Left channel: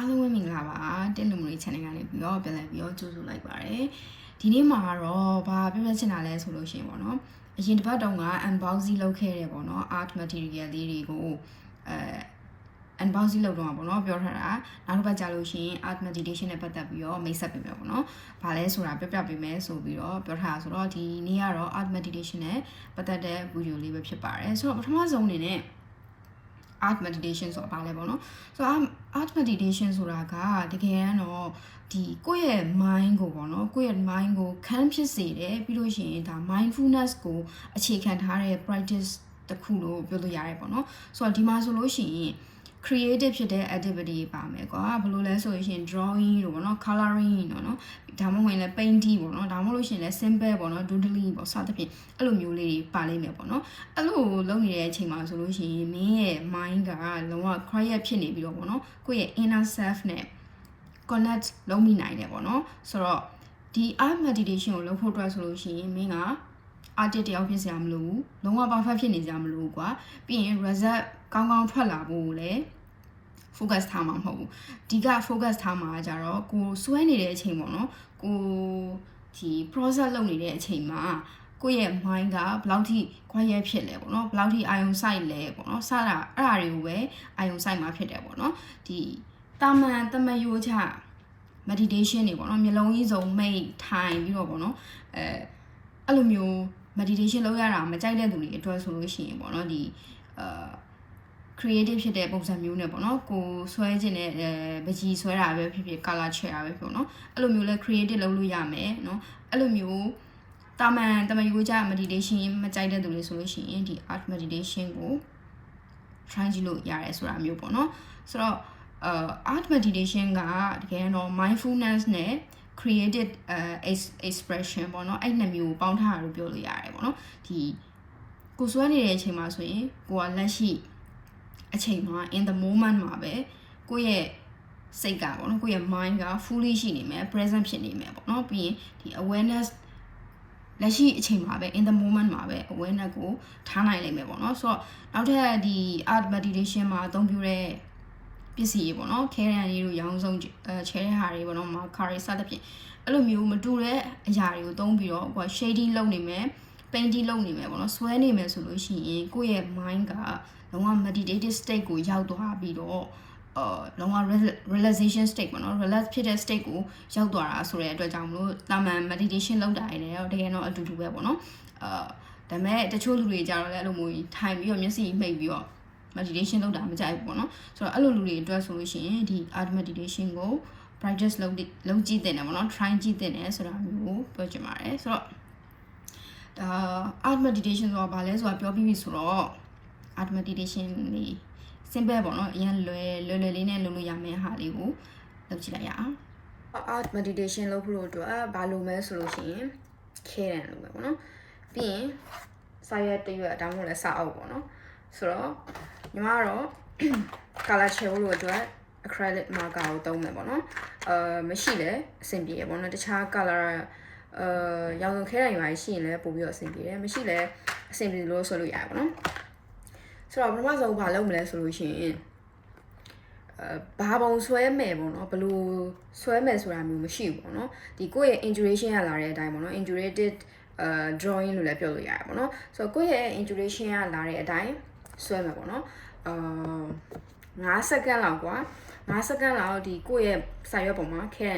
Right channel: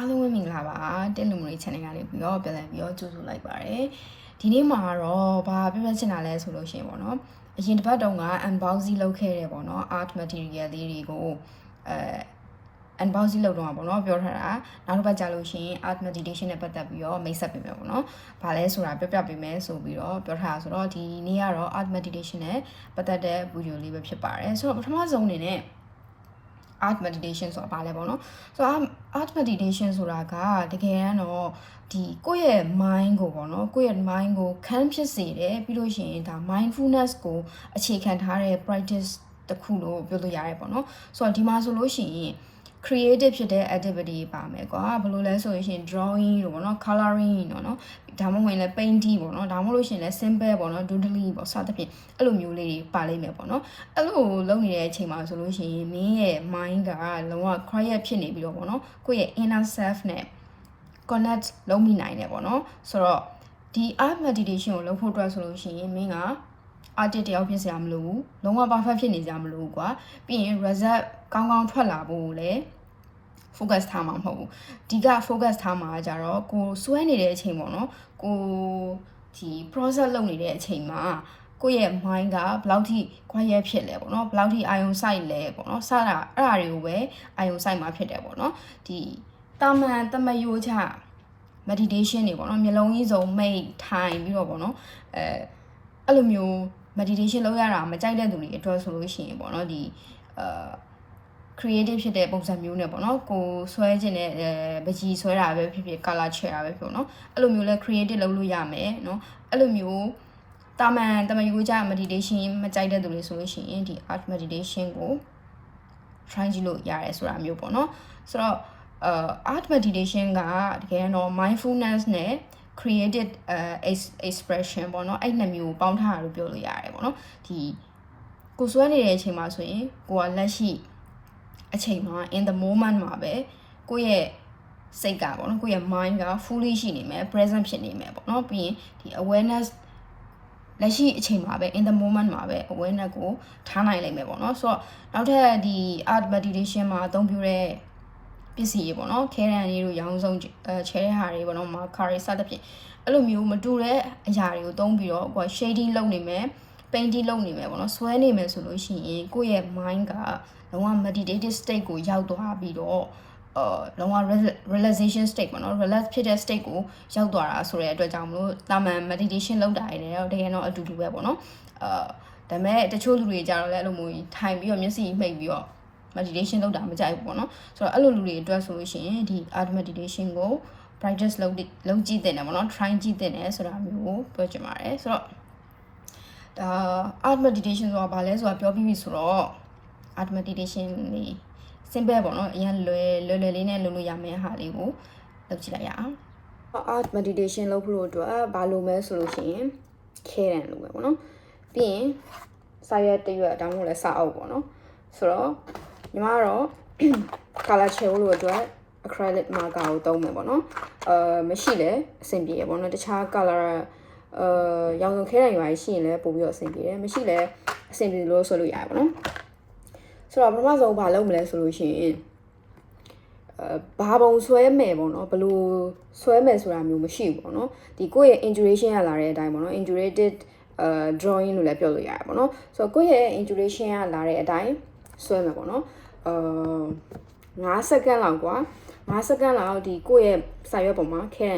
အားလုံးပဲမင်္ဂလာပါတက်လူမျိုး channel ကနေပြီးတော့ပြန်လည်ပြီးတော့ကြိုဆိုလိုက်ပါတယ်ဒီနေ့မှာတော့ဘာပြောပြချင်တာလဲဆိုလို့ရှိရင်ပေါ့နော်အရင်တစ်ပတ်တုန်းက unboxing လုပ်ခဲ့တယ်ပေါ့နော် art material လေးတွေကိုunboxing လုပ်တော့ပေါ့နော်ပြောထားတာနောက်တစ်ပတ်ကြာလို့ရှိရင် art meditation နဲ့ပတ်သက်ပြီးတော့မိတ်ဆက်ပေးမယ်ပေါ့နော်ဘာလဲဆိုတာပြပြပေးမယ်ဆိုပြီးတော့ပြောထားတာဆိုတော့ဒီနေ့ကတော့ art meditation နဲ့ပတ်သက်တဲ့ video လေးပဲဖြစ်ပါတယ်ဆိုတော့ပထမဆုံးအနေနဲ့art meditation ဆိုတာဘာလဲပေါ့နော်ဆိုတော့ art meditation ဆိုတာကတကယ်တော့ဒီကိုယ့်ရဲ့ mind ကိုပေါ့နော်ကိုယ့်ရဲ့ mind ကို calm ဖြစ်စေတယ်ပြီးလို့ရှိရင်ဒါ mindfulness ကိုအခြေခံထားတဲ့ practice တစ်ခုလို့ပြောလို့ရတယ်ပေါ့နော်ဆိုတော့ဒီမှာဆိုလို့ရှိရင် creative ဖြစ်တဲ့ activity ပါမယ်ကွာဘယ်လိုလဲဆိုရင် drawing လို့ပေါ့နော် coloring နော်ဒါမှမဟုတ်ရင်လည်း painting ပေါ့နော်ဒါမှမဟုတ်လို့ရှိရင်လည်း simple ပေါ့နော် doodling ပေါ့စသဖြင့်အဲ့လိုမျိုးလေးတွေပါလိမ့်မယ်ပေါ့နော်အဲ့လိုလုပ်နေတဲ့အချိန်မှာဆိုလို့ရှိရင်မင်းရဲ့ mind ကလုံးဝ quiet ဖြစ်နေပြီးတော့ပေါ့နော်ကိုယ့်ရဲ့ inner self နဲ့ connect လုပ်မိနိုင်တယ်ပေါ့နော်ဆိုတော့ဒီ art meditation ကိုလုပ်ဖို့အတွက်ဆိုလို့ရှိရင်မင်းက artist တယောက်ဖြစ်စရာမလိုဘူးလုံးဝ perfect ဖြစ်နေစရာမလိုဘူးကွာပြီးရင် result ကောင်းကောင်းထွက်လာဖို့လည်း focus ထားမှာမဟုတ်ဘူးဒီက focus ထားမှာကြတော့ကိုစွဲနေတဲ့အချိန်ပေါ့နော်ကိုဒီ process လုပ်နေတဲ့အချိန်မှာကိုယ့်ရဲ့ mind ကဘယ်လောက်ထိ quiet ဖြစ်လဲပေါ့နော်ဘယ်လောက်ထိအာရုံစိုက်လဲပေါ့နော်စတာအဲ့ဒါတွေကိုပဲအာရုံစိုက်မှာဖြစ်တယ်ပေါ့နော်ဒီတာမန်တမယိုးချ meditation တွေပေါ့နော်မျိုးလုံးကြီးစုံမိတ်ထိုင်ပြီးတော့ပေါ့နော်အဲ့လိုမျိုး meditation လုပ်ရတာမကြိုက်တဲ့သူတွေအတွက်ဆိုလို့ရှိရင်ပေါ့နော်ဒီcreative ဖြစ်တဲ့ပုံစံမျိုးနဲ့ပေါ့နော်ကိုဆွဲခြင်းနဲ့ပကြီးဆွဲတာပဲဖြစ်ဖြစ် color ချဲတာပဲဖြစ်ပေါ့နော်အဲ့လိုမျိုးလဲ creative လုပ်လို့ရမယ်နော်အဲ့လိုမျိုးတာမန်တမယိုးကြ meditation မကြိုက်တဲ့သူတွေဆိုလို့ရှိရင်ဒီ art meditation ကို try ကြည့်လို့ရတယ်ဆိုတာမျိုးပေါ့နော်ဆိုတော့art meditation ကတကယ်တော့ mindfulness နဲ့ creative expression ပေါ့နော်အဲ့နှစ်မျိုးပေါင်းထားတာလို့ပြောလို့ရတယ်ပေါ့နော်ဒီကိုဆွဲနေတဲ့အချိန်မှာဆိုရင်ကိုကလက်ရှိအချိန်မှာ in the moment မှာပဲကိုယ့်ရဲ့စိတ်ကပေါ့နော်ကိုယ့်ရဲ့ mind က fully ရှိနေမယ် present ဖြစ်နေမယ်ပေါ့နော်ပြီးရင်ဒီ awareness လက်ရှိအချိန်မှာပဲ in the moment မှာပဲ awareness ကိုထားနိုင်လိမ့်မယ်ပေါ့နော်ဆိုတော့နောက်ထပ်ဒီ art meditation မှာအသုံးပြုတဲ့ပစ္စည်းတွေပေါ့နော်ခဲရန်လေးတို့ရောင်းစုံချဲတဲ့ဟာတွေပေါ့နော် marker တွေစသဖြင့်အဲ့လိုမျိုးမတူတဲ့အရာတွေကိုသုံးပြီးတော့ကိုယ် shading လုပ်နေမယ် painting လုပ်နေမယ်ပေါ့နော်ဆွဲနေမယ်ဆိုလို့ရှိရင်ကိုယ့်ရဲ့ mind ကလုံးဝ meditative state ကိုရောက်သွားပြီးတော့လုံးဝ relaxation state ပေါ့နော် relax ဖြစ်တဲ့ state ကိုရောက်သွားတာဆိုတဲ့အတွက်ကြောင့်မလို့တာမန် meditation လုပ်တာရတယ်တော့တကယ်တော့အတူတူပဲပေါ့နော်ဒါပေမဲ့တချို့လူတွေကြတော့လည်းအဲ့လိုမျိုးထိုင်ပြီးတော့မျက်စိမှိတ်ပြီးတော့ meditation လုပ်တာမကြိုက်ဘူးပေါ့နော်ဆိုတော့အဲ့လိုလူတွေအတွက်ဆိုလို့ရှိရင်ဒီ art meditation ကို practice လုပ်ကြည့်တဲ့တယ်ပေါ့နော် try ကြည့်တဲ့တယ်ဆိုတာမျိုးကိုပြောချင်ပါတယ်ဆိုတော့art meditation ဆိုတာဘာလဲဆိုတာပြောပြီးပြီဆိုတော့ art meditation လေး simple ပေါ့နော်အရင်လွယ်လေးနဲ့လုပ်လို့ရမယ့်ဟာလေးကိုလုပ်ကြည့်လိုက်ရအောင် art meditation လုပ်ဖို့အတွက်ဘာလုပ်မလဲဆိုလို့ရှိရင်ခဲရန်လုပ်မယ်ပေါ့နော်ပြီးရင်စာရွက်တရွက်တောင်းလို့လည်းစာအုပ်ပေါ့နော်ဆိုတော့ညီမကတော့ color ချဲဖို့လို့အတွက် acrylic marker ကိုသုံးမယ်ပေါ့နော်မရှိလဲအဆင်ပြေရပေါ့နော်တခြား color ရောင်စုံခဲရန်ရွာရှိရင်လည်းပို့ပြီးတော့အဆင်ပြေတယ်မရှိလဲအဆင်ပြေလို့ဆိုလို့ရတယ်ပေါ့နော်ဆိုတော့ပထမဆုံးဘာလုပ်မလဲဆိုလို့ရှိရင်ဘာပုံဆွဲမယ်ပေါ့နော်ဘယ်လိုဆွဲမယ်ဆိုတာမျိုးမရှိဘူးပေါ့နော်ဒီကိုယ့်ရဲ့ intuition ရလာတဲ့အတိုင်းပေါ့နော် intuitive drawing လို့လည်းပြောလို့ရတယ်ပေါ့နော်ဆိုတော့ကိုယ့်ရဲ့ intuition ရလာတဲ့အတိုင်းဆွဲမယ်ပေါ့နော်5 second လောက်ကွာ5 second လောက်ဒီကိုယ့်ရဲ့စာရွက်ပေါ်မှာခဲ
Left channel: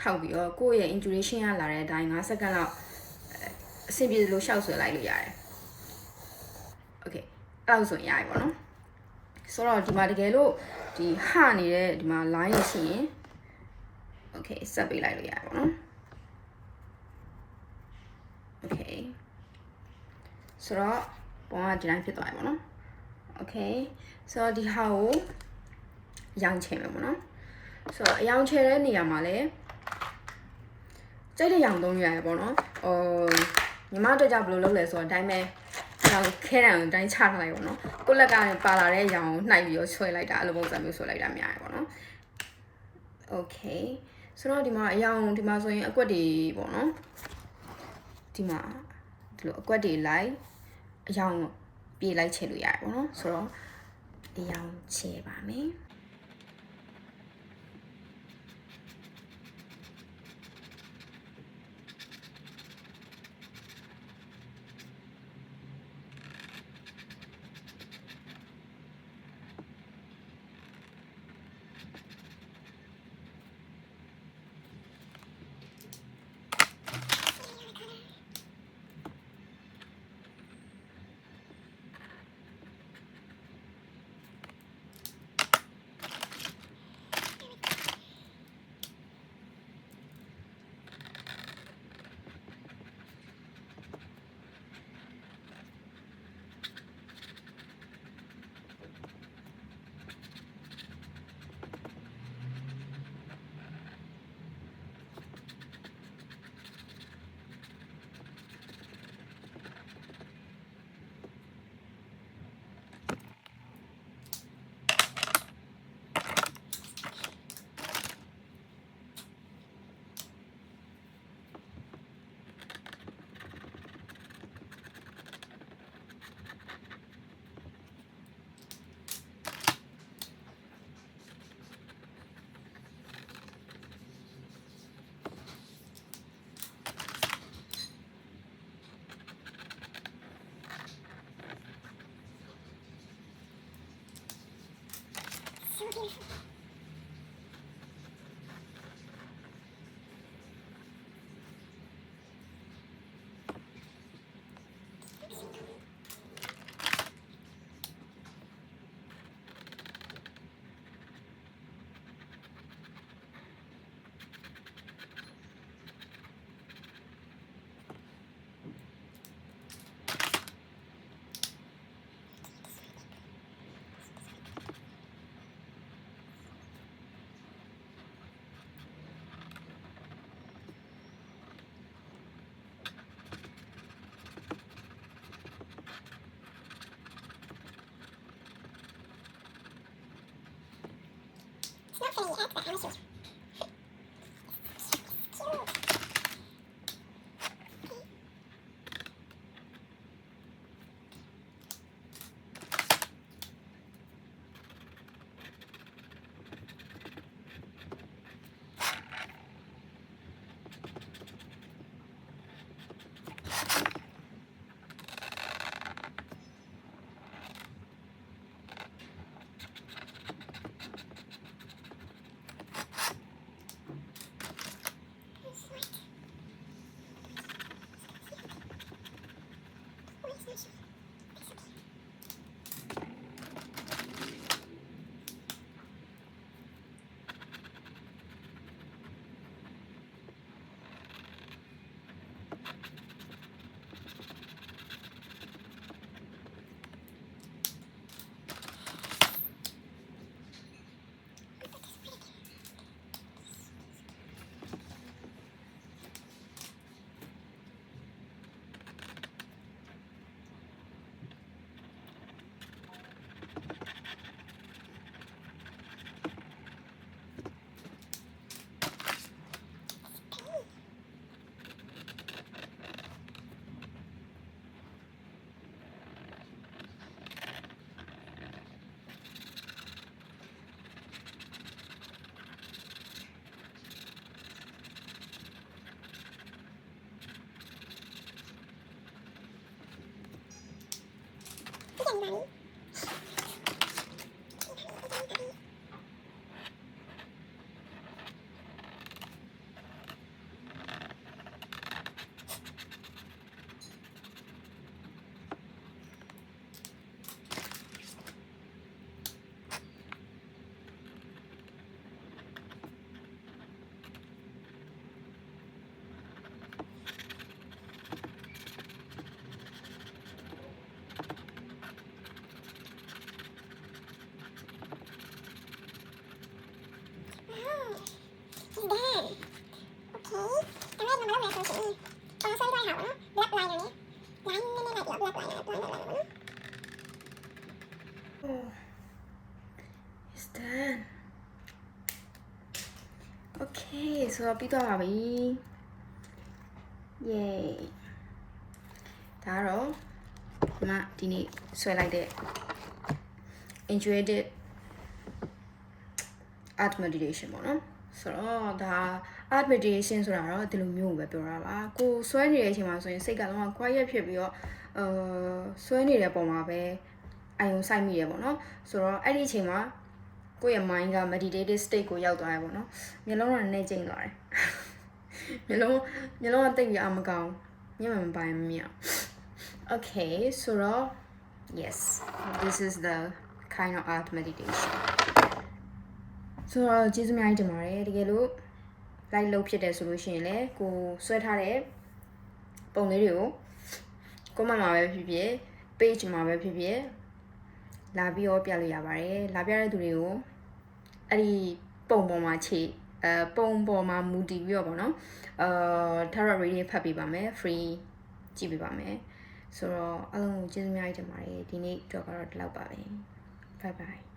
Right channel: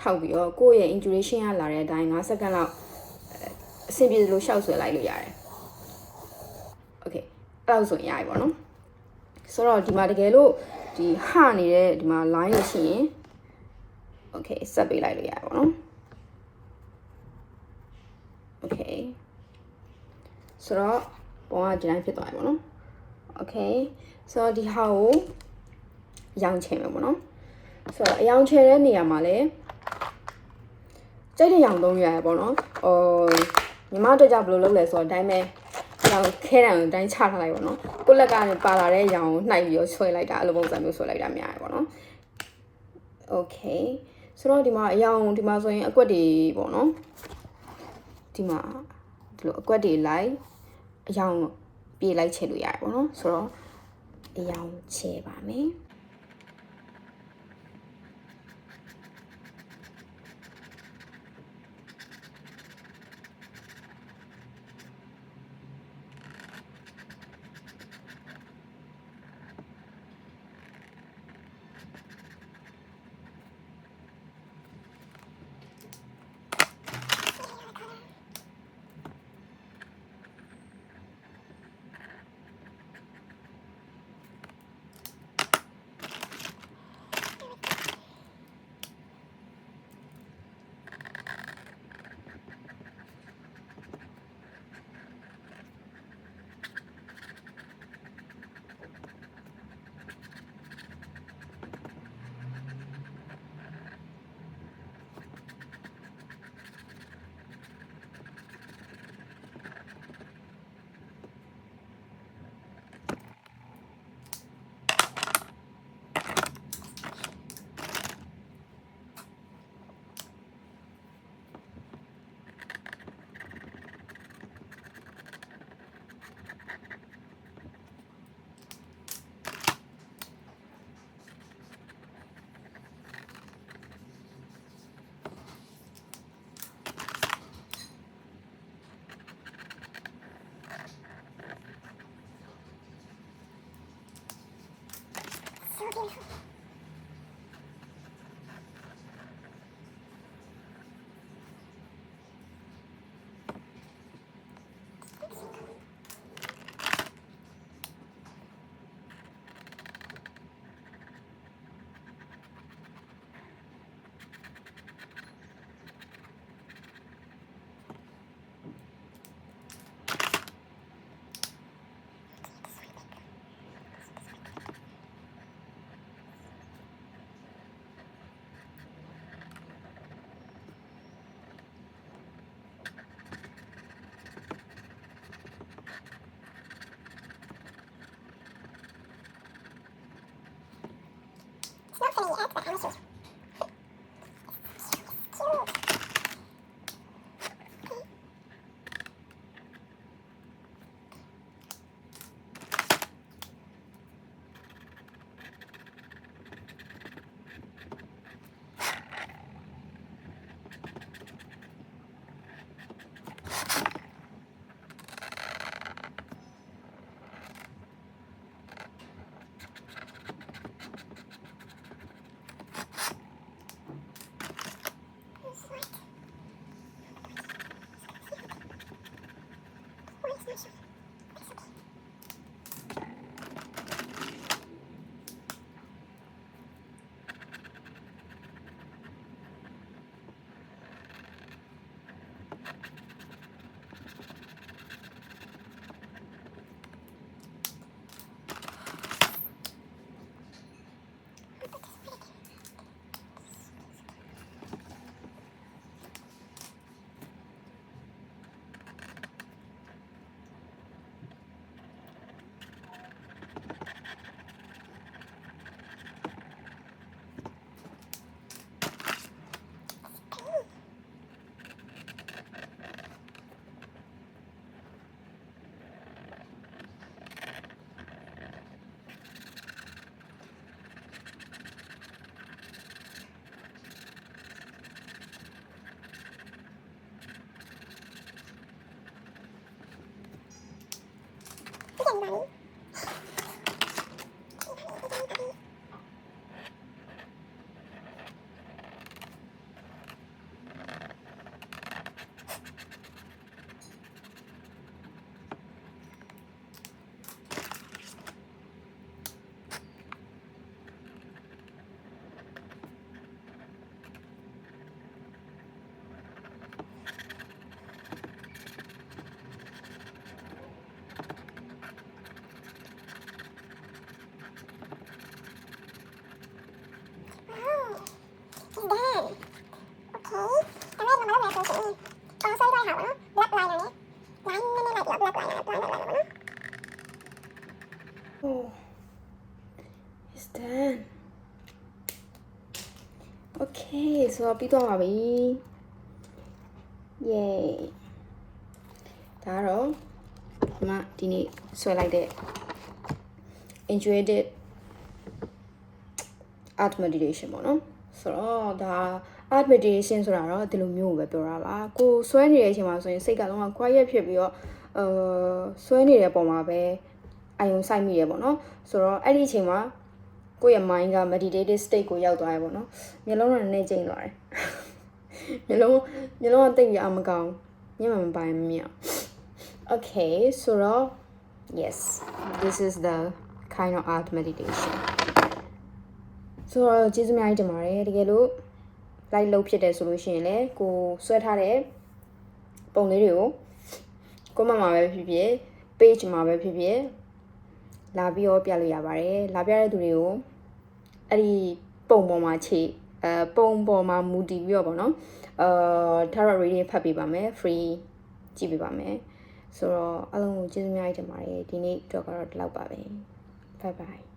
ထောက်ပြီးတော့ကိုယ့်ရဲ့ intuition ရလာတဲ့အတိုင်း5 second လောက်အဆင်ပြေလို့ရှောက်ဆွဲလိုက်လို့ရတယ် okay အဲ့လိုဆိုရင်ရပြီပေါ့နော်ဆိုတော့ဒီမှာတကယ်လို့ဒီဟနေတဲ့ဒီမှာ line ရရှိရင် okay ဆက်ပေးလိုက်လို့ရတယ်ပေါ့နော် okay ဆိုတော့ပုံကဒီတိုင်းဖြစ်သွားပြီပေါ့နော် okay ဆိုတော့ဒီဟာကိုရောင်ချယ်မယ်ပေါ့နော်ဆိုတော့အရောင်ချယ်တဲ့နေရာမှာလည်းကြိုက်တဲ့ရောင်သုံးရရပေါ့နော်ညီမတို့ကြောင့်ဘယ်လိုလုပ်လဲဆိုတော့အတိုင်းပဲရောင်ခဲတံကိုတိုင်းချထားလိုက်ပေါ့နော်ကိုလက်ကပါလာတဲ့ရောင်ကိုနှိုက်ပြီးတော့ဆွဲလိုက်တာအဲ့လိုပုံစံမျိုးဆွဲလိုက်တာများရပေါ့နော် okay ဆိုတော့ဒီမှာအရောင်ဒီမှာဆိုရင်အကွက်တွေပေါ့နော်ဒီမှာဒီလိုအကွက်တွေလိုက်အရောင်ပြေးလိုက်ချဲလို့ရတယ်ပေါ့နော်ဆိုတော့အရောင်ချဲပါမယ် Oh, it's done. Okay, so ပြီးသွားပါပြီ Yay. ဒါတော့ဒီနေ့ဆွဲလိုက်တဲ့ intuitive art meditation ပေါ့နော်ဆိုတော့ဒါ art meditation ဆိုတာတော့ဒီလိုမျိုးကိုပဲပြောတာပါကိုဆွဲနေတဲ့အချိန်မှာဆိုရင်စိတ်ကလုံးဝ quiet ဖြစ်ပြီးတော့ဆွဲနေတဲ့ပုံမှာပဲအာရုံစိုက်မိရပေါ့နော်ဆိုတော့အဲ့ဒီအချိန်မှာကိုယ့်ရဲ့ mind က meditative state ကိုရောက်သွားရပေါ့နော်မျက်လုံးကနည်းကျိန်းသွားတယ်မျက်လုံးကတိတ်ပြီးအမကောင်းမျက်မှန်မပိုင်မမြင် Okay so yes this is the kind of art meditation ဆိုတော့ကျေးဇူးအများကြီးတင်ပါတယ်တကယ်လို့ like လုပ်ဖြစ်တယ်ဆိုလို့ရှိရင်လည်းကိုဆွဲထားတဲ့ပုံလေးတွေကို comment မှာပဲဖြစ်ဖြစ် page မှာပဲဖြစ်ဖြစ်လာပြီးတော့ပြလို့ရပါတယ်လာပြတဲ့သူတွေကိုအဲ့ဒီပုံပေါ်မှာခြေပုံပေါ်မှာမူတည်ပြီးတော့ပေါ့နော်tarot reading ဖတ်ပေးပါမယ် free ကြည့်ပေးပါမယ်ဆိုတော့အားလုံးကိုကျေးဇူးအများကြီးတင်ပါတယ်ဒီနေ့တော့ကတော့ဒီလောက်ပါပဲ bye bye